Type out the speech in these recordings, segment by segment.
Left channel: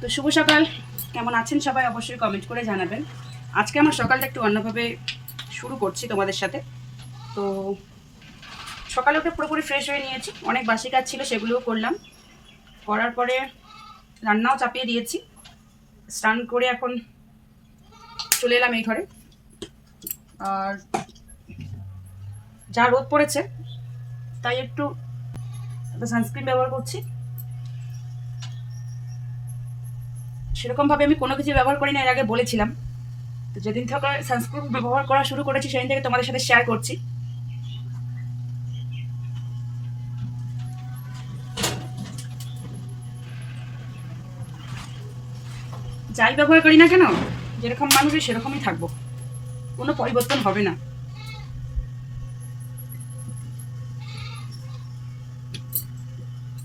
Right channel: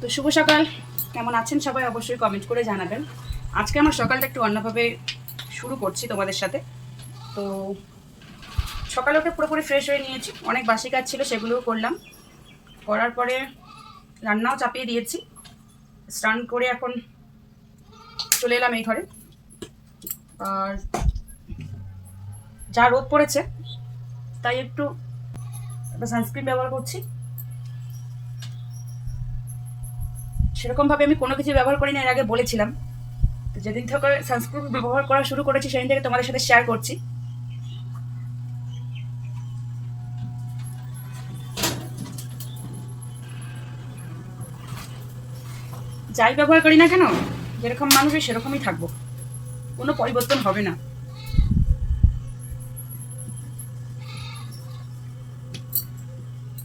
তো শুভ সকাল, কেমন আছেন সবাই অবশ্যই কমেন্ট করে জানাবেন। আজকে আমার সকালটা একটু অন্যভাবে শুরু করছি তোমাদের সাথে। তো সকালে উঠে পুরোপুরি ফ্রেশ হয়ে নিয়েছি, অনেক বাসি কাজ ছিল সেগুলোও করলাম, করার পরে রান্নাও চাপিয়ে দিয়েছি। স্নান করে এখন চলে এলাম এই ঘরে। আর যা রোদ পড়েছে তাই একটু সানস্ক্রিন ব্যবহার করছি। সেরকমভাবে আমি কোনো কিছু ব্যবহার করি না, এর আগে বলেছিলাম। তো যেদিন থেকে সানস্ক্রিন ব্যবহার করা শুরু করেছি সেদিন থেকে তোমাদের সাথে শেয়ার করছি। যাই ব্যবহার করি না কেন, যেরকম মানুষই সেরকমই থাকবো, কোনো পরিবর্তন হবে না।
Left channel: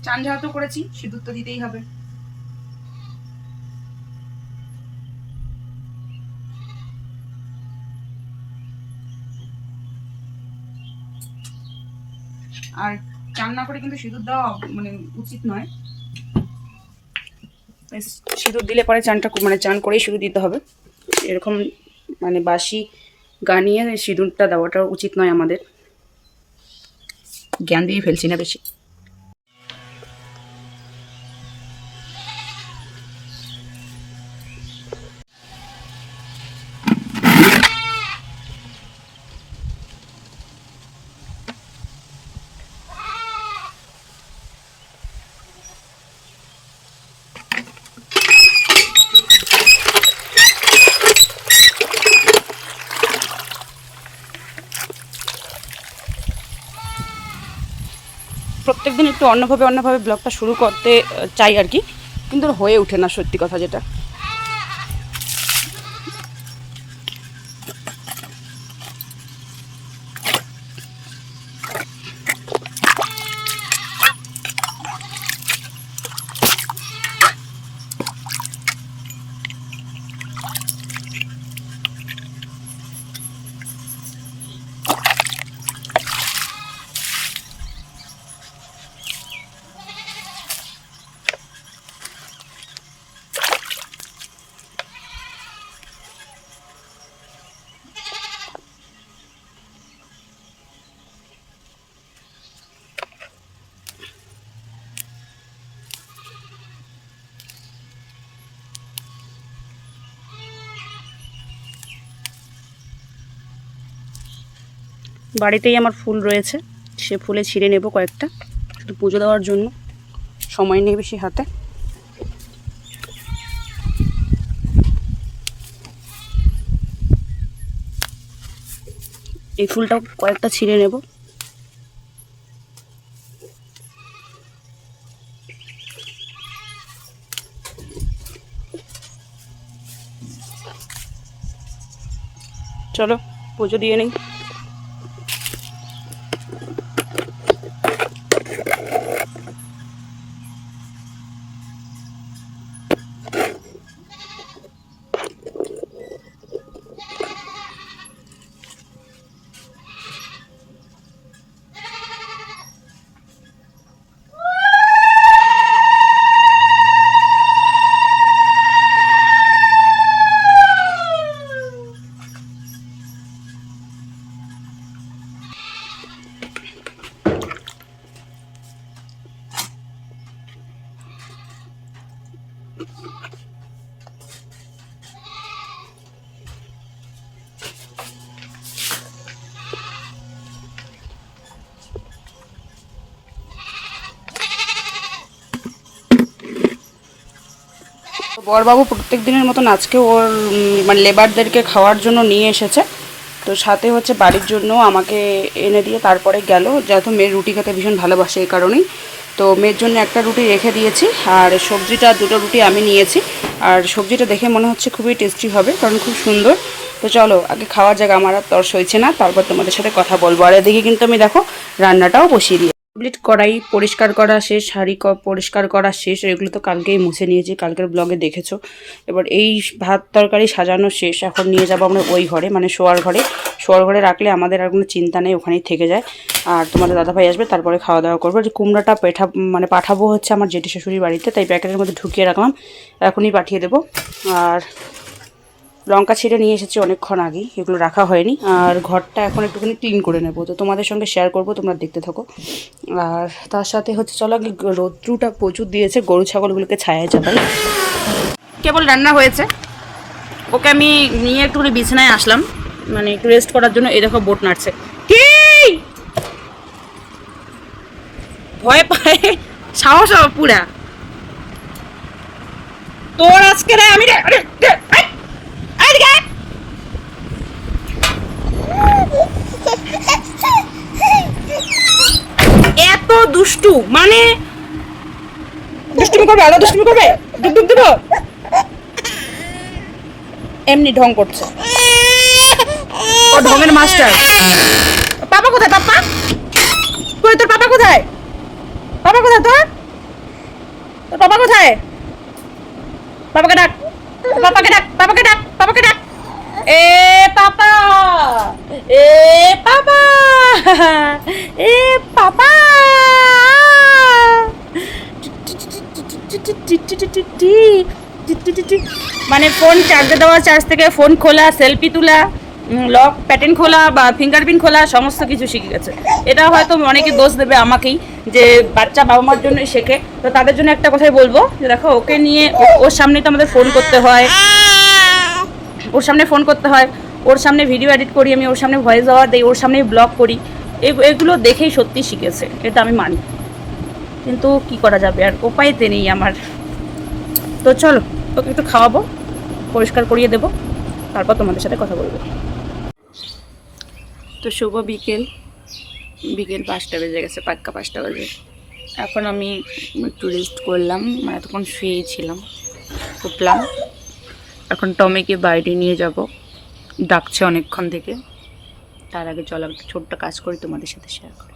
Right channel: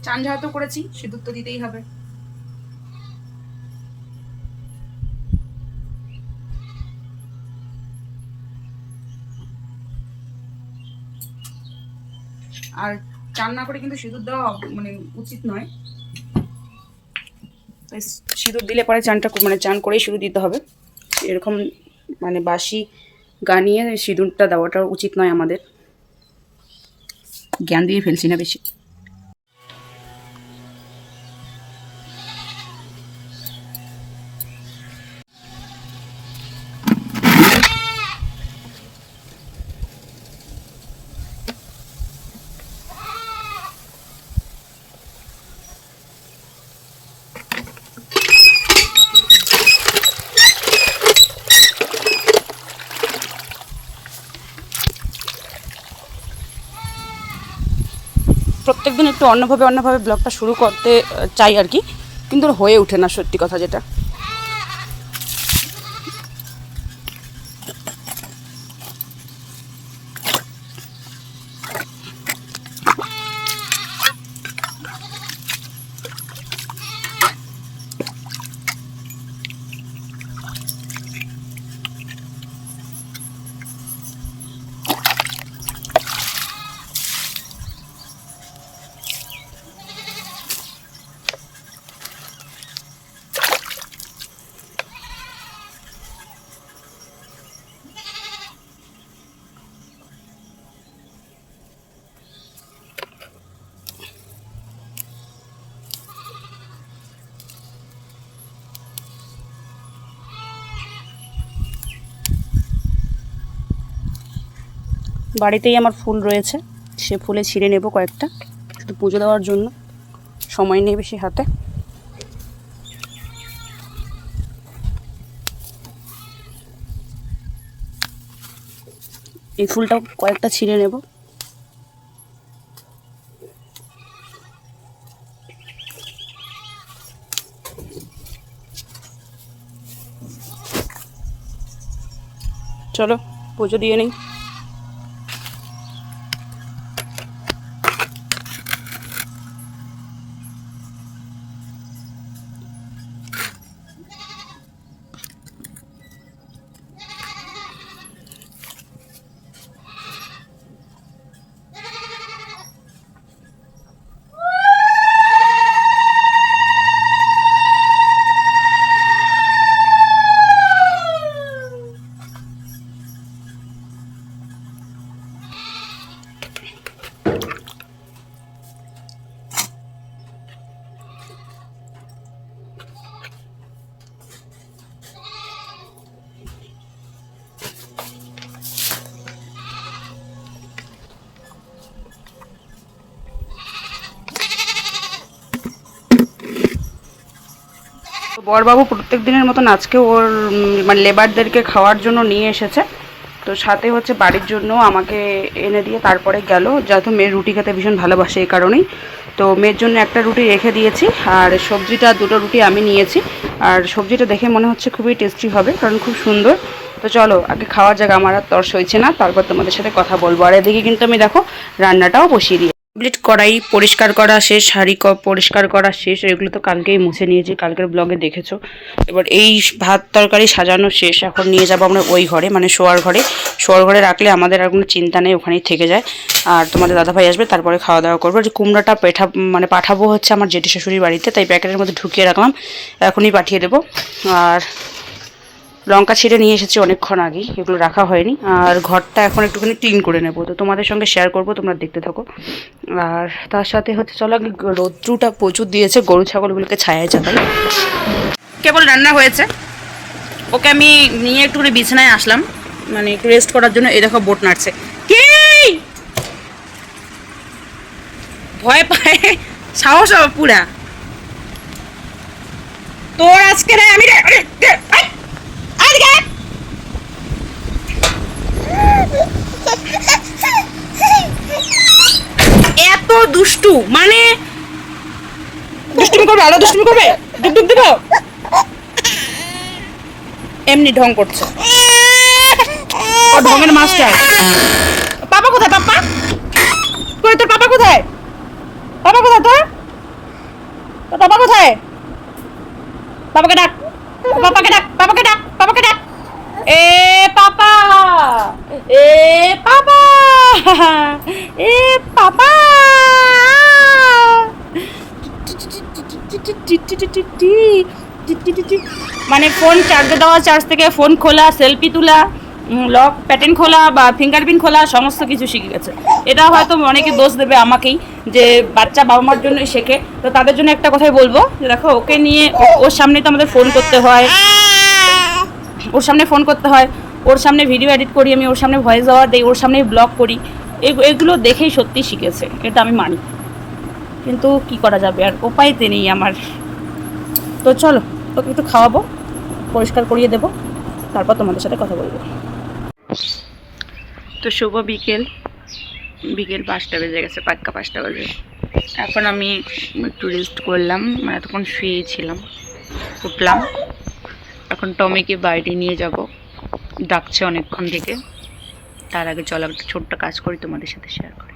চান যেহেতু করেছি, সিঁদুর তো দিতেই হবে। আর চান না করে কিন্তু সিঁদুর দেওয়া মানে উচিত নয়। সিঁদুর দিলে পরে চান করেই সিঁদুর দিতে হবে। এরকম মানে বাসি গানিয়ে সিঁদুরটা দেওয়াটা উচিত নয় আমাদের। জ্ঞান দিয়ে ফেলছি না বেশি। প্রত্যেকদিন একটু অন্যভাবে ব্লগটা শুরু করতে চাই আর কি, কিন্তু হয়ে ওঠে না সত্যি কথা যেটা। বাড়িতেই আমার ফুল রয়েছে, সে ফুলে ছিঁড়ে নেব কয়েকটা, শুধু পুজো দেওয়ার জন্য। সময় নেই বেশি হাতে। এই ফুলটাও কয়েকটা ছিঁড়ে নেব। চলো পুজো দিয়ে নেই। বরবাবু প্রত্যেক দিনের মতন আজকে ওর মানে লেবারদেরকে খাওয়ার জন্য নিয়ে এসেছে। তো সাথে হচ্ছে বাড়ির জন্য আমাকে এনে দিয়ে তারপরে গেল, যেহেতু মেয়ের রুটি খেতে ভীষণ ভালোবাসে এই কারণেই। তো মেয়ের জন্য একটা রুটি রেখে দিয়েছি, আর সবজিটা দুটো রুটি আমি নিয়েছি। আর সবজিটা দেখে মনে হচ্ছে খুবই টেস্টি হবে, কারণ খুব সুন্দর। তো চলো আগে খাওয়ার জায়গা, আমার আর তর্স হয়েছে না, তারপর তোমাদের সাথে কথা বলবো। আর এদিকে কিন্তু আমি দেখো রান্নাটাও বসিয়ে দিই। কমপ্লিট করাই পরিষ্কার করা শেষ, হাঁড়ি পরিষ্কার করা শেষ, এগুলো তো কালকেই মুছে নিয়েছি, কালকের ব্লগে দেখেছো। এবার এই ভাত তরকারি সাজানো শেষ, এখন নিয়ে যাবো আমরা ওই ঘরে, মানে শোয়ার ঘরে। শোয়ার ঘরে রাখলে আমাদের আর কোনো চিন্তা নেই, ওখানেই থেকে যায়। আর তোমাদের দাদাভাই আসবে, তারপরে খাওয়া দাওয়া করবো। যে কুমড়োটা পাঠাবো হচ্ছে আমার জেঠি শাশুড়ির বাড়িতে, তাই প্যাকেটের মধ্যে ঢুকিয়ে রাখলাম, এখনই পাঠিয়ে দেবো। আর লঙ্কা ছিঁড়ে নিয়ে এসেছি অনেকক্ষণ আগেই, এগুলো রাখা হয়নি। আর ঘরটা এখন একটুখানি ক্লিন করে নেবো, তো তোমাদের সঙ্গে শেয়ার করবো, তোমরা দেখতে থাকো। আর তার সাথে হচ্ছে চলো আগে, রৌদ্রুটা প্রচুর দিয়েছে, গরু ছাগলগুলোকে ছায়ায় চাপাই। কেবল রান্না হয়েছে, ওকে আমি নিয়ে একটুখানি বিছানায় আসলাম, মানে একটু রেস্ট করার জন্য। এই দেখো বোট নাড়ছে, কি ভয় পায়, সাহস পুরা তোর আজকে রে। আমি এত দুষ্টু, মানে দুষ্টুমি করবে, আলো দুষ্টুমি করবে, ডুব ডুব দেবো, এমনি ঢং করছে, ও ঢঙের মাস্টার। পাপা কোথায়? পাপা কই? তোর পাপা কোথায়? পাপা কোথায় তোর? তোর পাপা কোথায়? পাপাকে ডাক, পাপাকে ডাক, পাপাকে ডাক, পাপাকে ডাক। এ পাপা, এ পাপা, এ পাপা। মানে ফোন চার্জে দেওয়া, চার্জ থেকে ফোন খোলা, সেলফি তোলা, লক প্যাটার্ন খোলা বা ফিঙ্গারপ্রিন্ট খোলা, সমস্ত কিছু শিখে গেছে। এটা হয়তো অনেকে দোষ দেবে আমাকেই, যে বাচ্চা বাবা মার জন্যই শেখে। তো তাদের জন্য একটা কথাই বলবো, যে দেখো ওকে নিয়ে ওর সামনে তো আমাদের ফোন করতে হয়, ওর সামনে ফোন করতে হয়, ওর সামনে ভিডিও এডিট করি আমি, ওর সামনে ভয়েস ওভার দিই, ওর সামনে ব্লগ করি। এগুলো দেখেই সত্যি শিখেছে, এটা আমি মানি। কিন্তু কি করা যাবে, আর উপায়তে নেই আমার। তো চলো ওকে একটু খাওয়াবো, পরিষ্কার করিয়ে দেবো, তারপর তোমাদের সাথে কথা বলবো। তো শুভ বিকেল, বিকেল 5টা বেজে গেছে, পাক্কা 5টা বাজে। এখন আমি একটু রেস্ট করলাম, মানে এতক্ষণ শুয়েই ছিলাম, উঠলাম। এখন টমিকে বাইরে নিয়ে যাব, ডাকছে অনেকক্ষণ থেকে। তার আগে চলো একটা ছোট্ট কাজ করি, তোমাদের সাথে শেয়ার করি।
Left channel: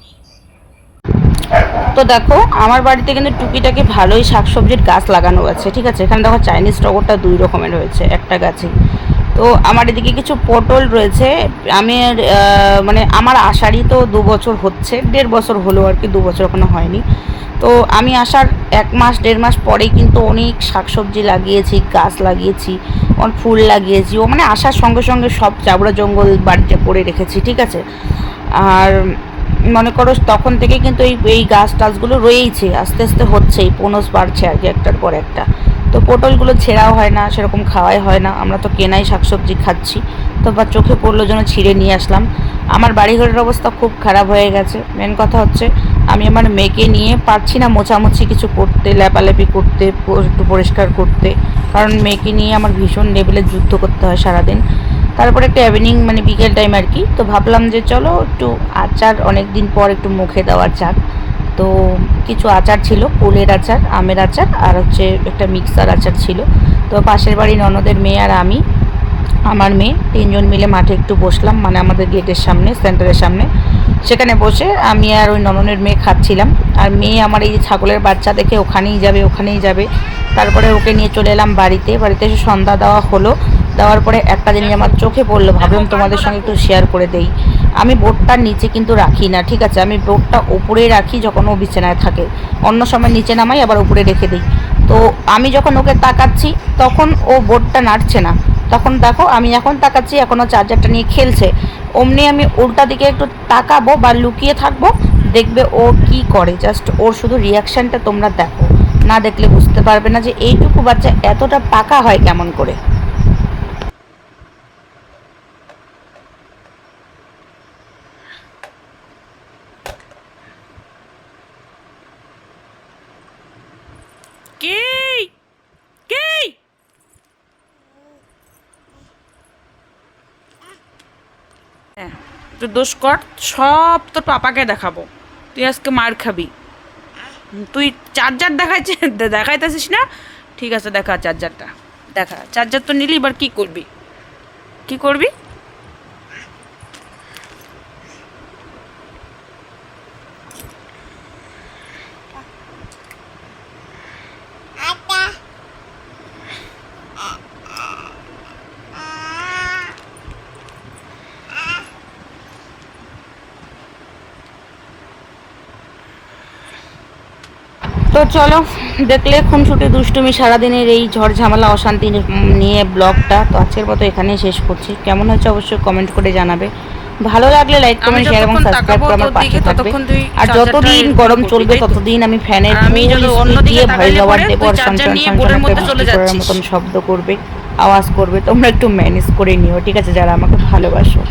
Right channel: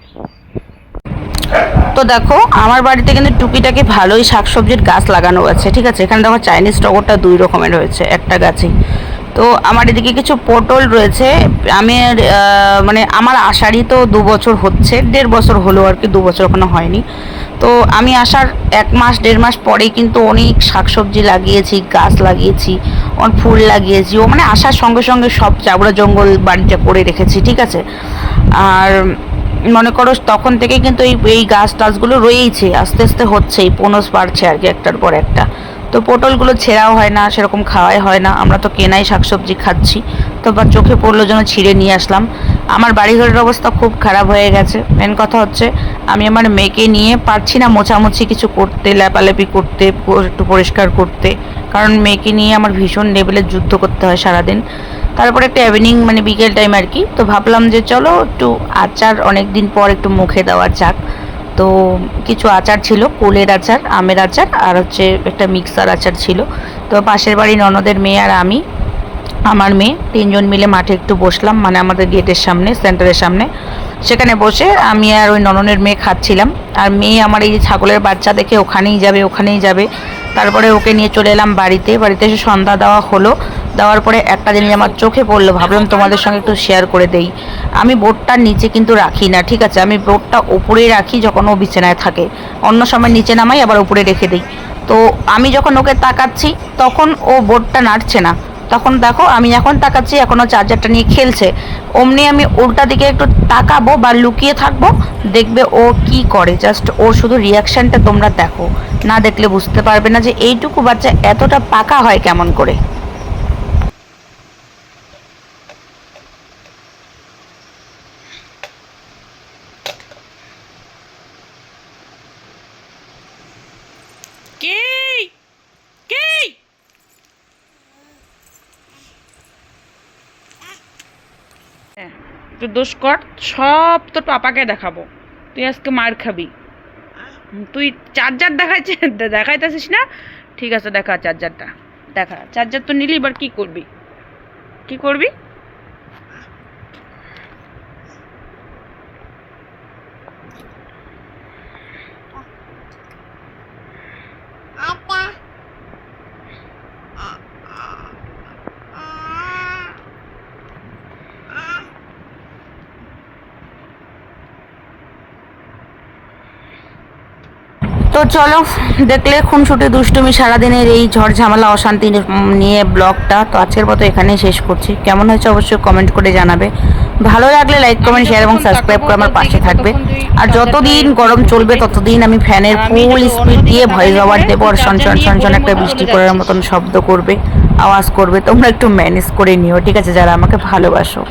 তো দেখো আমার বাড়িতে কিন্তু টুকিটাকি ভালোই শাকসবজির গাছ লাগানো আছে, ঠিক আছে। এখানে দেখো চাইনিজ টগরটা 2 রকমের হয়েছে একটা গাছে। তো আমার এদিকে কিছু পটল রয়েছে। আমি মানে আমার আসারই তো 2 বছর হচ্ছে, 1.5 বছর হলো আর কি, 2 বছর এখনো হয়নি। তো আমি আসার 1 মাস 1.5 মাস পরেই কিন্তু অনেক শাকসবজি লাগিয়েছি, গাছ লাগিয়েছি, অনেক ফুল লাগিয়েছি। ও মানে আসার সঙ্গে সঙ্গে সব চাবড়া জঙ্গল বাড়িতে করে রেখেছি, ঠিক আছে। আর মনে করো তখন থেকে কিন্তু এই গাছ টাছগুলো রয়েইছে, আস্তে আস্তে হচ্ছেই, পোনস বাড়ছে আর কি একটার পর একটা। তো পটলগুলো ছেঁড়াও হয় না, সেরকম খাওয়াই হয় না, আমরা তো কেনাই শাকসবজি খাচ্ছি। তো বা চোখে পড়লো জন্য ছিঁড়ে নিয়ে আসলাম। আমার বাড়িঘরের অবস্থা খুব খারাপ হয়ে গেছে। মেন কথা হচ্ছে আমি আমার মেয়েকে নিয়ে পারছি না মোছামুছি কিছু করতে, লেপালেপি করতে, একটু পরিষ্কার করতে, কারণ মেয়েকে নিয়ে আমার ভীষণ লেভেলে যুদ্ধ করতে হয় সারাদিন। তারপরে একটা ইভিনিং মানে বিকেল টাইম আর কি, তো ভাবলাম যে চলো একটু আচার, অনেক দিন পর একটু মুখে দেওয়া যাক। তো কিছু আচার ছিল, কুলের আচার, আমের আচার, আর হচ্ছে একটা মিক্সার আচার ছিল। তো পাশের বাড়ি ননদের মেয়ে আর আমি, আমার মেয়ে, 3জন মিলে মাঠে একটু বসলাম, মানে আমাদের গেটের সামনে, সেন্টারের সামনে। সেখানে বসে আমি আর ওই নননের মেয়ে খাচ্ছিলাম। আর মেয়ে আমার এই যে ছাগলের বাচ্চা দেখে ওখানেই যাবে, ওখানেই যাবে। তারপরে ওকে নিয়ে চলে এলাম বাড়িতে। বাড়িতে এসে সন্ধ্যা দেওয়া হলো। দেওয়ার পরে একটা জিনিস আমার চোখে পড়লো, ভাবলাম তোমাদের সঙ্গে একটু শেয়ার করে দেই। আমি বোর্ডটার নিচে কিন্তু রাখি না, ঠিক আছে। আমি বোর্ডটা উপরেই রাখি যখন ও বিছানায় থাকে, অন্য সময় নিচে নামাই, আবার উপরে রেখে দিই। তো আমি যখন ওকে তাকাচ্ছি তখন ও বোর্ডটা নাড়ছে না। তখন দেখো আমি এখন তাকাচ্ছি, এখনও চার্জারটা নিয়ে খেলছে। অমনি আমি উল্টা দিকে একটু তাকাবো বা লুকিয়ে থাকবো, দেখবে ও কি করে। জাস্ট ওর শুধু রিয়াকশানটা তোমরা দেখো, না দেখলে বুঝতে পারবে না যে এইটুকু বাচ্চা এতটা পাকা হয় কেমন করে। কি কি একটু দোষ কর, সব তোর পাপাকে দেখাবো, তুই আজকে মার খাবি। তুই চার্জার দেখাইতেছিস না, ঠিক আছে দেখা চার্জারটা, দেখা চার্জার তো নিলি, এবার কি করবি, কি করবি? তো চলো, দেখলে খুনসুটি দুষ্টুমি সারাদিনের এই ঝড় ঝামেলা অশান্তি নিয়ে ব্লগটা তো আজকের মতো এখানেই শেষ করছি। কেমন হয়েছে অবশ্যই কমেন্ট করে জানাবে। ভালো লাগলে লাইক কমেন্ট শেয়ার এবং সাবস্ক্রাইব করে আমার পাশে থাকবে। আর যতদিন গরম চলবে ততদিন আমি ফ্যানের ফুল স্পিড দিয়ে ভয়েস ওভার দেবো, আর সনসন সনসন একটা বৃষ্টি পড়ার মতন শব্দ করবে, আওয়াজ করবে। তোমরা একটু ম্যানেজ করে নিও, ঠিক আছে, যারা আমাকে ভালোবাসো।